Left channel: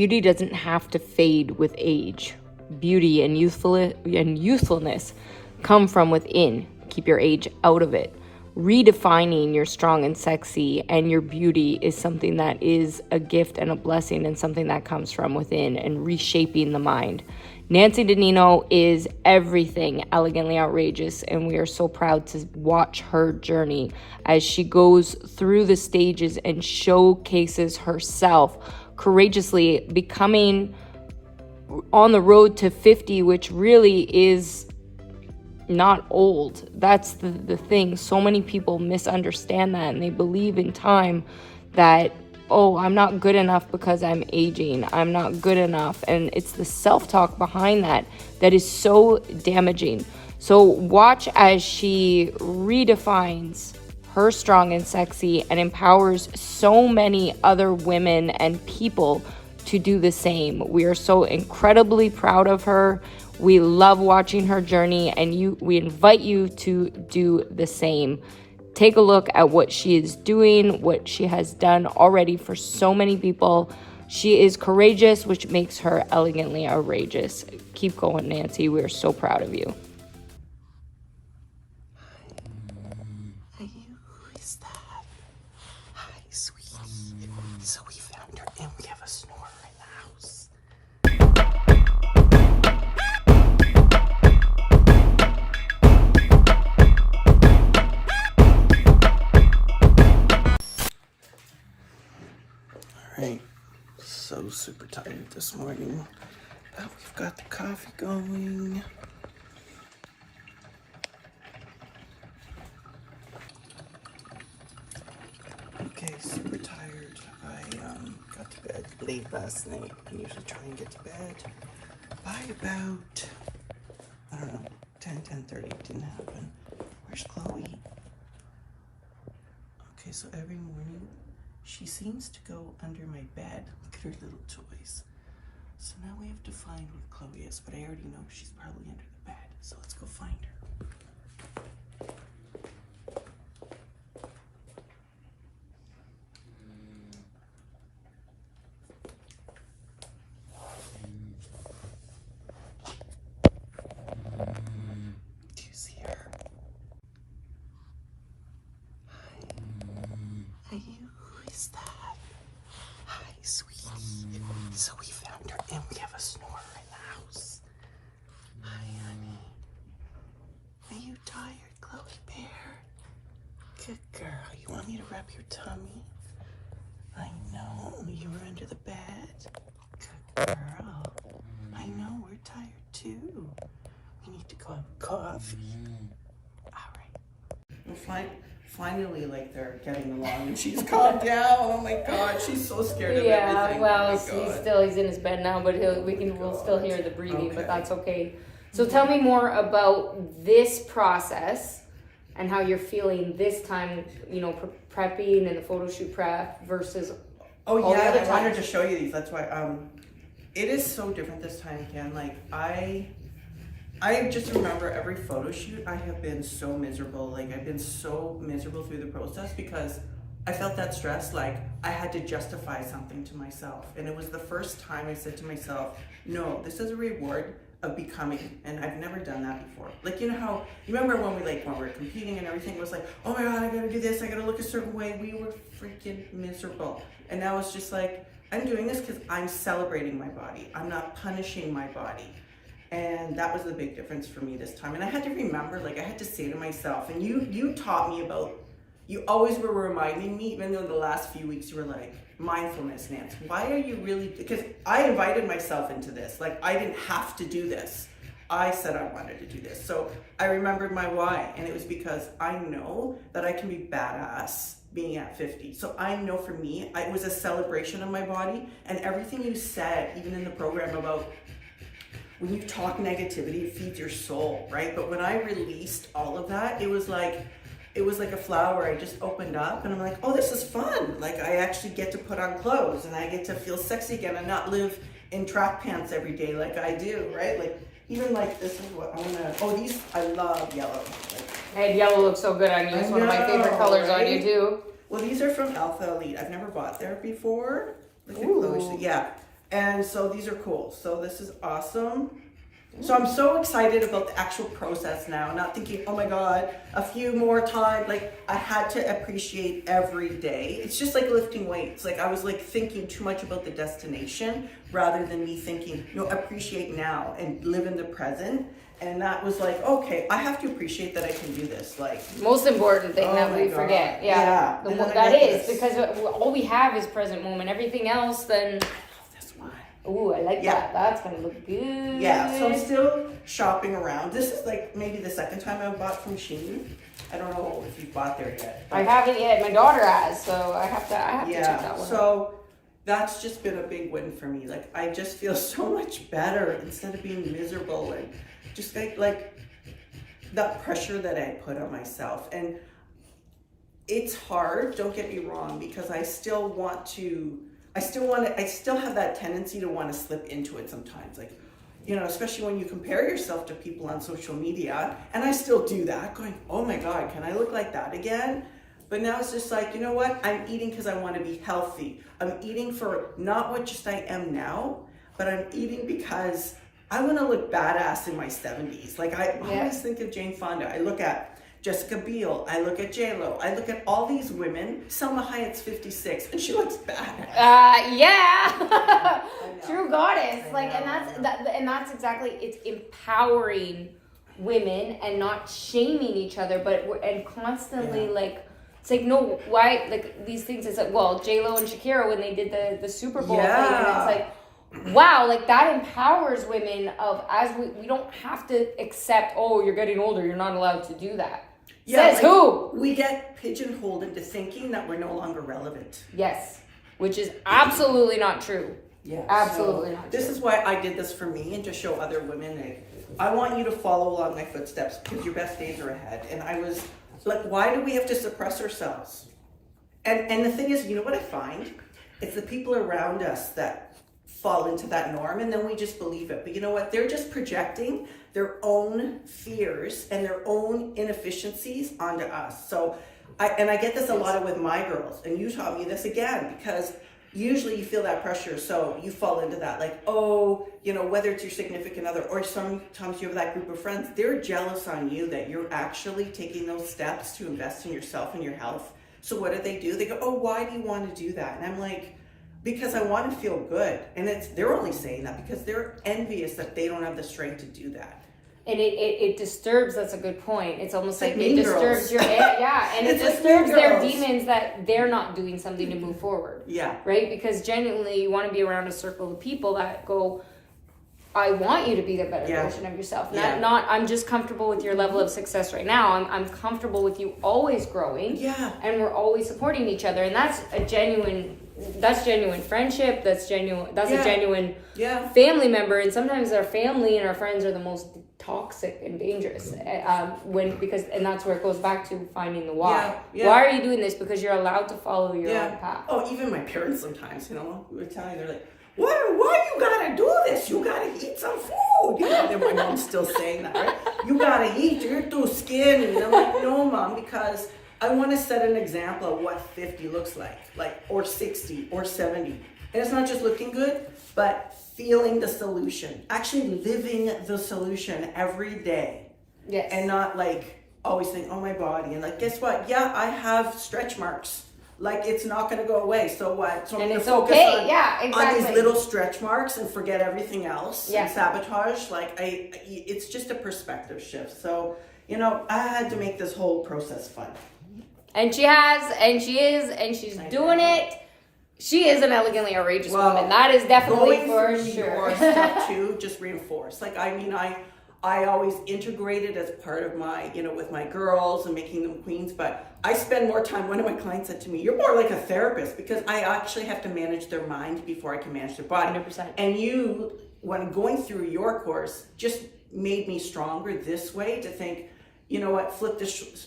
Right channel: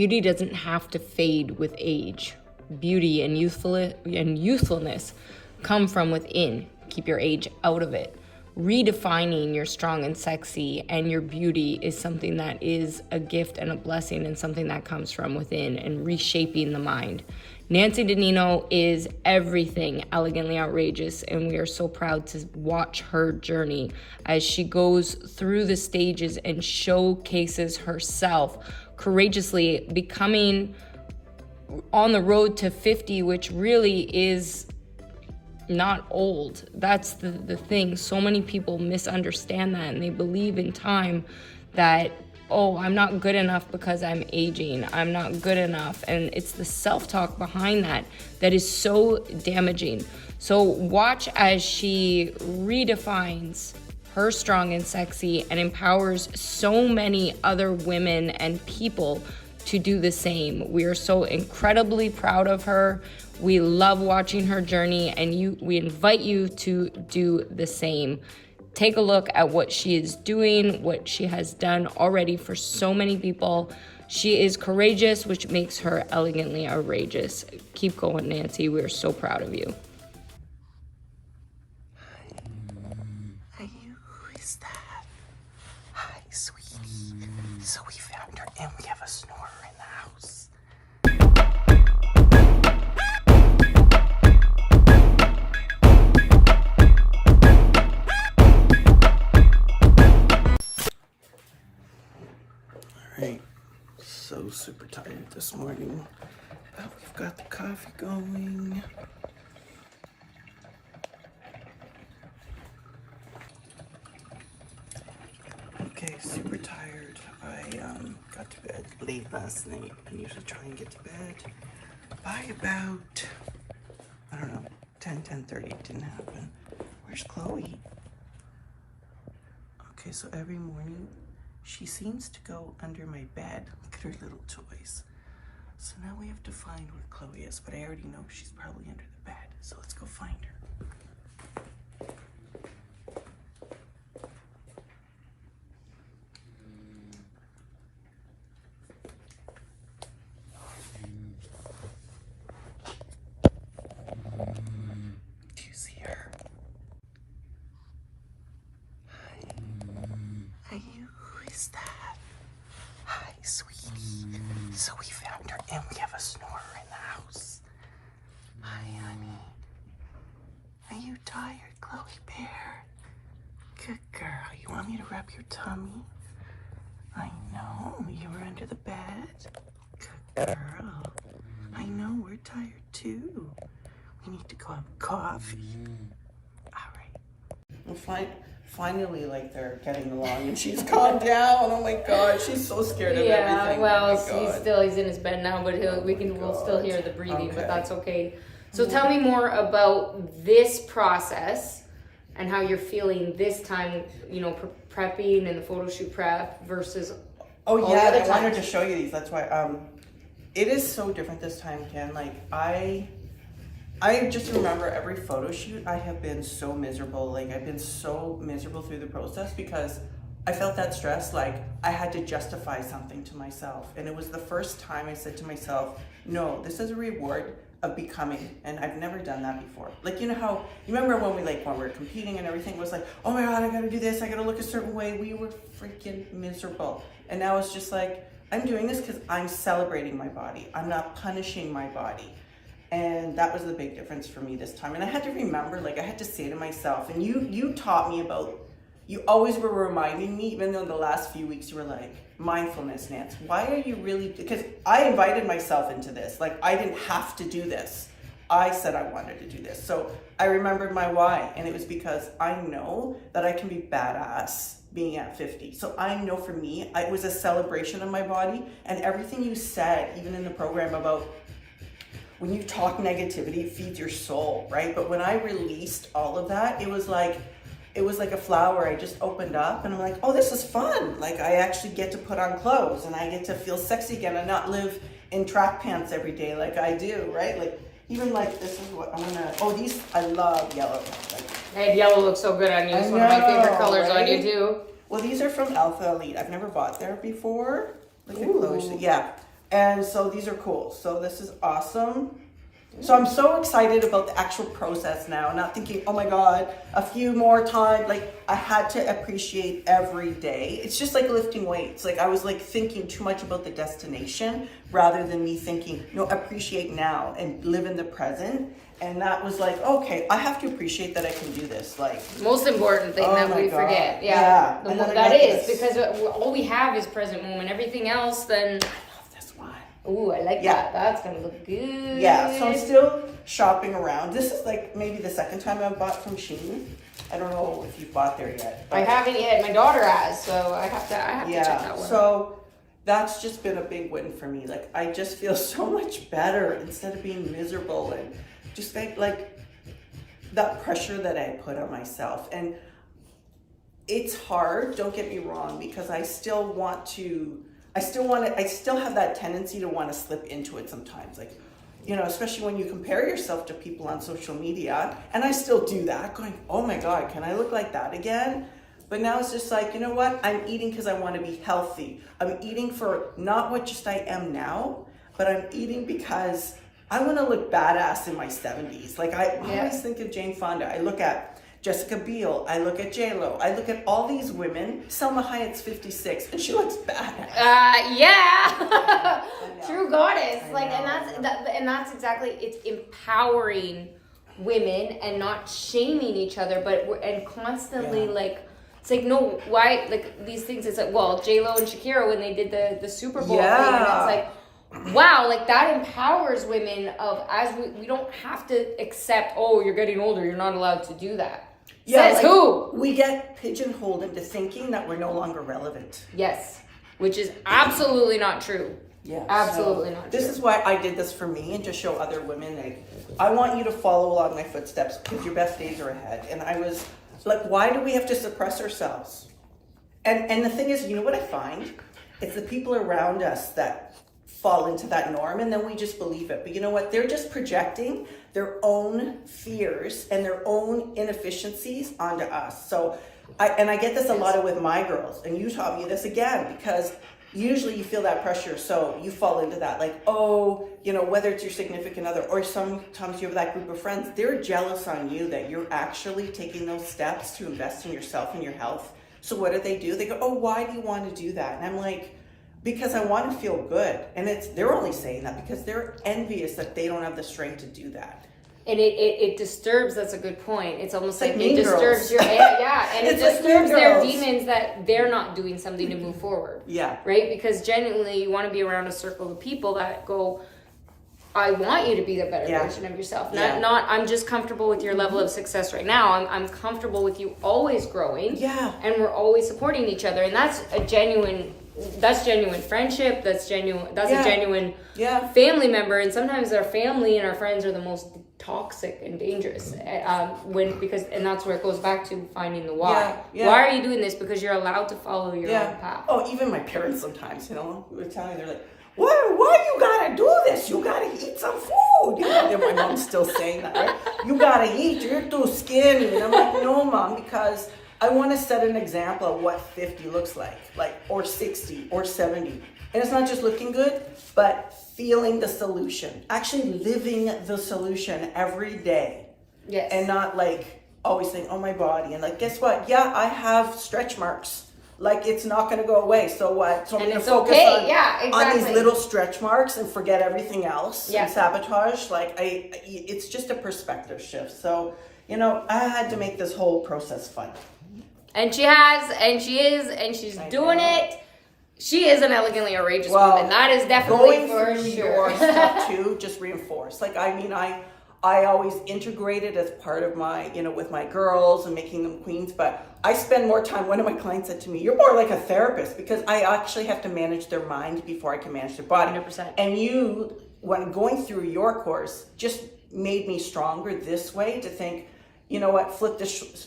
Beauty doesn't have to fade with age. Beauty and youthfulness come from within. Keep your age out of it. Redefining your strong and sexy and your beauty is something that is a gift and a blessing, and something that comes from within, and reshaping the mind. Nancy DiNino is everything elegantly outrageous, and we are so proud to watch her journey as she goes through the stages and showcases herself courageously, becoming on the road to 50, which really is not old. That's the thing. So many people misunderstand that, and they believe in time that, oh, I'm not good enough because I'm aging. I'm not good enough. And it's the self-talk behind that that is so damaging. So watch as she redefines her strong and sexy and empowers so many other women and people to do the same. We are so incredibly proud of her. We love watching her journey, and we invite you to do the same. Take a look at what she is doing, what she has done already for so many people. She is courageous, which makes her elegantly outrageous. Keep going, Nancy. We are so proud of you. Hey, who is that? Hi, sweetie. So we found her, and we have a snorer in the house. Alright, so super tired this morning, but we've got the coffee going. Okay, super tired. I got to bed late last night. I usually try and get to bed by about, I don't know, 10:30. It didn't happen. Where's Chloe? Okay, so every morning she seems to go under my bed. Look at her little toys. So now we have to find where Chloe is, but I already know she's probably under the bed. So let's go find her. Do you see her? Hi, who is that? Hi, sweetie. So we found her, and we have a snorer in the house. Hi, honey. Are you tired, Chloe Bear? Good girl. You want me to rub your tummy? I know. You were under the bed. Good girl. I know. We're tired, too. We need to go have coffee. All right. Finally, like, they're getting along, and she's calmed down. Oh my God, she's so scared of everything. Yeah, well, Oh he's in his bed now, but we'll still hear the breathing, Okay. but that's okay. So tell me more about this process and how you're feeling this time, you know, prepping and the photo shoot prep versus Oh all the yeah, other I wanted times. to show you these. That's why it is so different this time, Ken. Like I just remember every photo shoot I have been so miserable. Like I've been so miserable through the process because I felt that stress, like I had to justify something to myself. And it was the first time I said to myself, no, this is a reward of becoming. And I've never done that before. Like, you know how, remember when we were competing and everything was like, oh my God, I gotta do this, I gotta look a certain way. We were freaking miserable. And now it's just like, I'm doing this because I'm celebrating my body. I'm not punishing my body. And that was the big difference for me this time. And I had to remember, like I had to say to myself, and you taught me about, you always were reminding me, even though the last few weeks you were like, mindfulness, Nance, why are you really, because I invited myself into this. Like I didn't have to do this. I said I wanted to do this. So I remembered my why, and it was because I know that I can be badass being at 50. So I know for me, it was a celebration of my body, and everything you said, even in the program about when you talk negativity, it feeds your soul, right? But when I released all of that, it was like a flower. I just opened up and I'm like, oh, this is fun. Like I actually get to put on clothes and I get to feel sexy again and not live in track pants every day like I do, right? Like even like this is what I'm gonna, oh, these, I love yellow. Like, And yellow looks so good on you. It's one of my favorite colors on you too. Well, these are from Alpha Elite. I've never bought there before. Ooh. Yeah. And so these are cool. So this is awesome. So I'm so excited about the actual process now, not thinking, oh my God, a few more times. Like I had to appreciate every day. It's just like lifting weights. Like I was like thinking too much about the destination rather than me thinking, appreciate now and live in the present. And that was like, okay, I have to appreciate that I can do this. Like most important thing that we forget. Yeah. That is because all we have is present moment. Everything else, then. Ooh, I like that. That's gonna look good. Yeah, so I'm still shopping around. This is like maybe the second time I've bought from Shein. I don't know if you've bought there yet. I haven't yet. My daughter has, so I have to check that one. So that's just been a big win for me. Like I just feel so much better instead of being miserable and just like that pressure that I put on myself. And it's hard, don't get me wrong, because I still have that tendency to want to slip into it sometimes. Like, especially when you compare yourself to people on social media. And I still do that, going, oh my God, can I look like that again? But now it's just like, you know what? I'm eating because I want to be healthy. I'm eating for not what just I am now, but I'm eating because I want to look badass in my 70s. Like I always think of Jane Fonda. I look at Jessica Biel, I look at J-Lo, I look at all these women. Selma Hayek's 56 and she looks badass. Yeah. True goddess. And that's exactly, it's empowering women and not shaming each other, and constantly it's like, no, why, like these things, it's like, well, J-Lo and Shakira when they did the Super Bowl thing, and it's like, wow, like that empowers women as we don't have to accept, oh, you're getting older, you're not allowed to do that. Yeah, Says who? We get pigeonholed into thinking that we're no longer relevant. Yes, which is absolutely not true. Yeah, absolutely not true. This is why I did this for me and to show other women. Like, I want you to follow along my footsteps because your best days are ahead. And I was like, why do we have to suppress ourselves? And the thing is, you know what I find? It's the people around us that fall into that norm and then we just believe it. But you know what? They're just projecting their own fears and their own inefficiencies onto us. So I get this a lot with my girls, and you taught me this again, because usually you feel that pressure, so you fall into that, like, oh, whether it's your significant other or sometimes you have that group of friends, they're jealous on you that you're actually taking those steps to invest in yourself and your health. So what do? They go, oh, why do you want to do that? And I'm like, because I want to feel good. And they're only saying that because they're envious that they don't have the strength to do that. And it disturbs, that's a good point. It's almost like it girls. disturbs your, and it disturbs their demons that they're not doing something to move forward. Yeah. Right? Because genuinely you want to be around a circle of people that go, I want you to be the better version of yourself. Not I'm just comfortable with your level of success right now. I'm comfortable with you always growing. Yeah. And we're always supporting each other. And that's genuine friendship. That's a genuine family member. And sometimes our family and our friends are the most toxic and dangerous. And that's where it goes back to finding the why. Why are you doing this? Because you're allowed to follow your own path. Oh, even my parents sometimes, we're telling, they're like, why you gotta do this? You gotta eat some food. My mom's still saying that, right? You gotta eat, you're too skinny. And I'm like, no, Mom, because I want to set an example of what 50 looks like, or 60 or 70. And it's not just looking good, but feeling the solution, actually living the solution every day. Yes. And not always think, oh, my body. And guess what? Yeah, I have stretch marks. It's not going to go away. So what? So and it's okay. Exactly. On these little stretch marks and forget everything else. Yeah. And sabotage. It's just a perspective shift. So, I had to make this whole process fun. And she has, and she is, and she's doing it. She is an elegantly outrageous woman. That is definitely for sure. Your stuff too, just reinforce. I always integrate it as part of my, with my girls and making them queens. But I spend more time. One of my clients said to me, "You're more like a therapist," because I actually have to manage their mind before I can manage their body. 100%. And you, when going through your course, just made me stronger this way to think, you know what,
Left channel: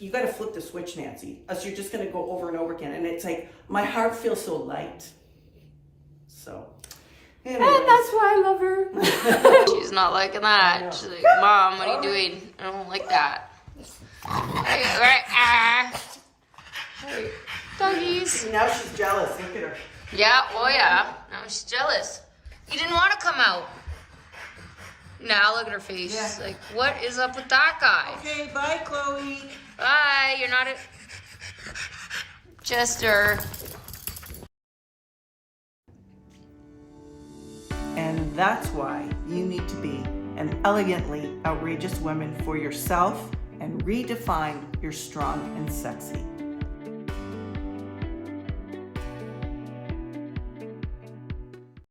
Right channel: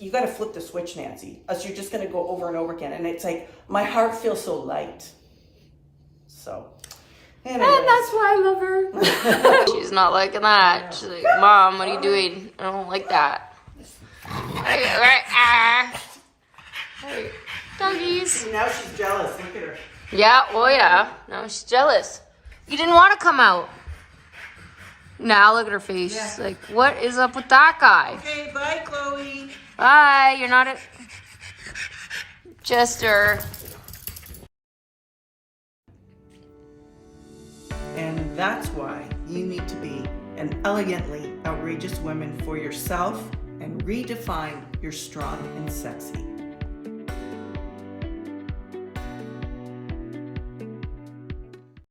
you got to flip the switch, Nancy, else you're just going to go over and over again. And it's like, my heart feels so light. So, anyways. And that's why I love her. She's not liking that. She's like, Mom, what are you doing? I don't like that. Doggies. Now she's jealous. Look at her. Yeah, oh yeah. Now she's jealous. You didn't want to come out. Now look at her face. Yeah. Like, what is up with that guy? Okay, bye, Chloe. Bye. You're not a Jester. And that's why you need to be an elegantly outrageous woman for yourself and redefine your strong and sexy.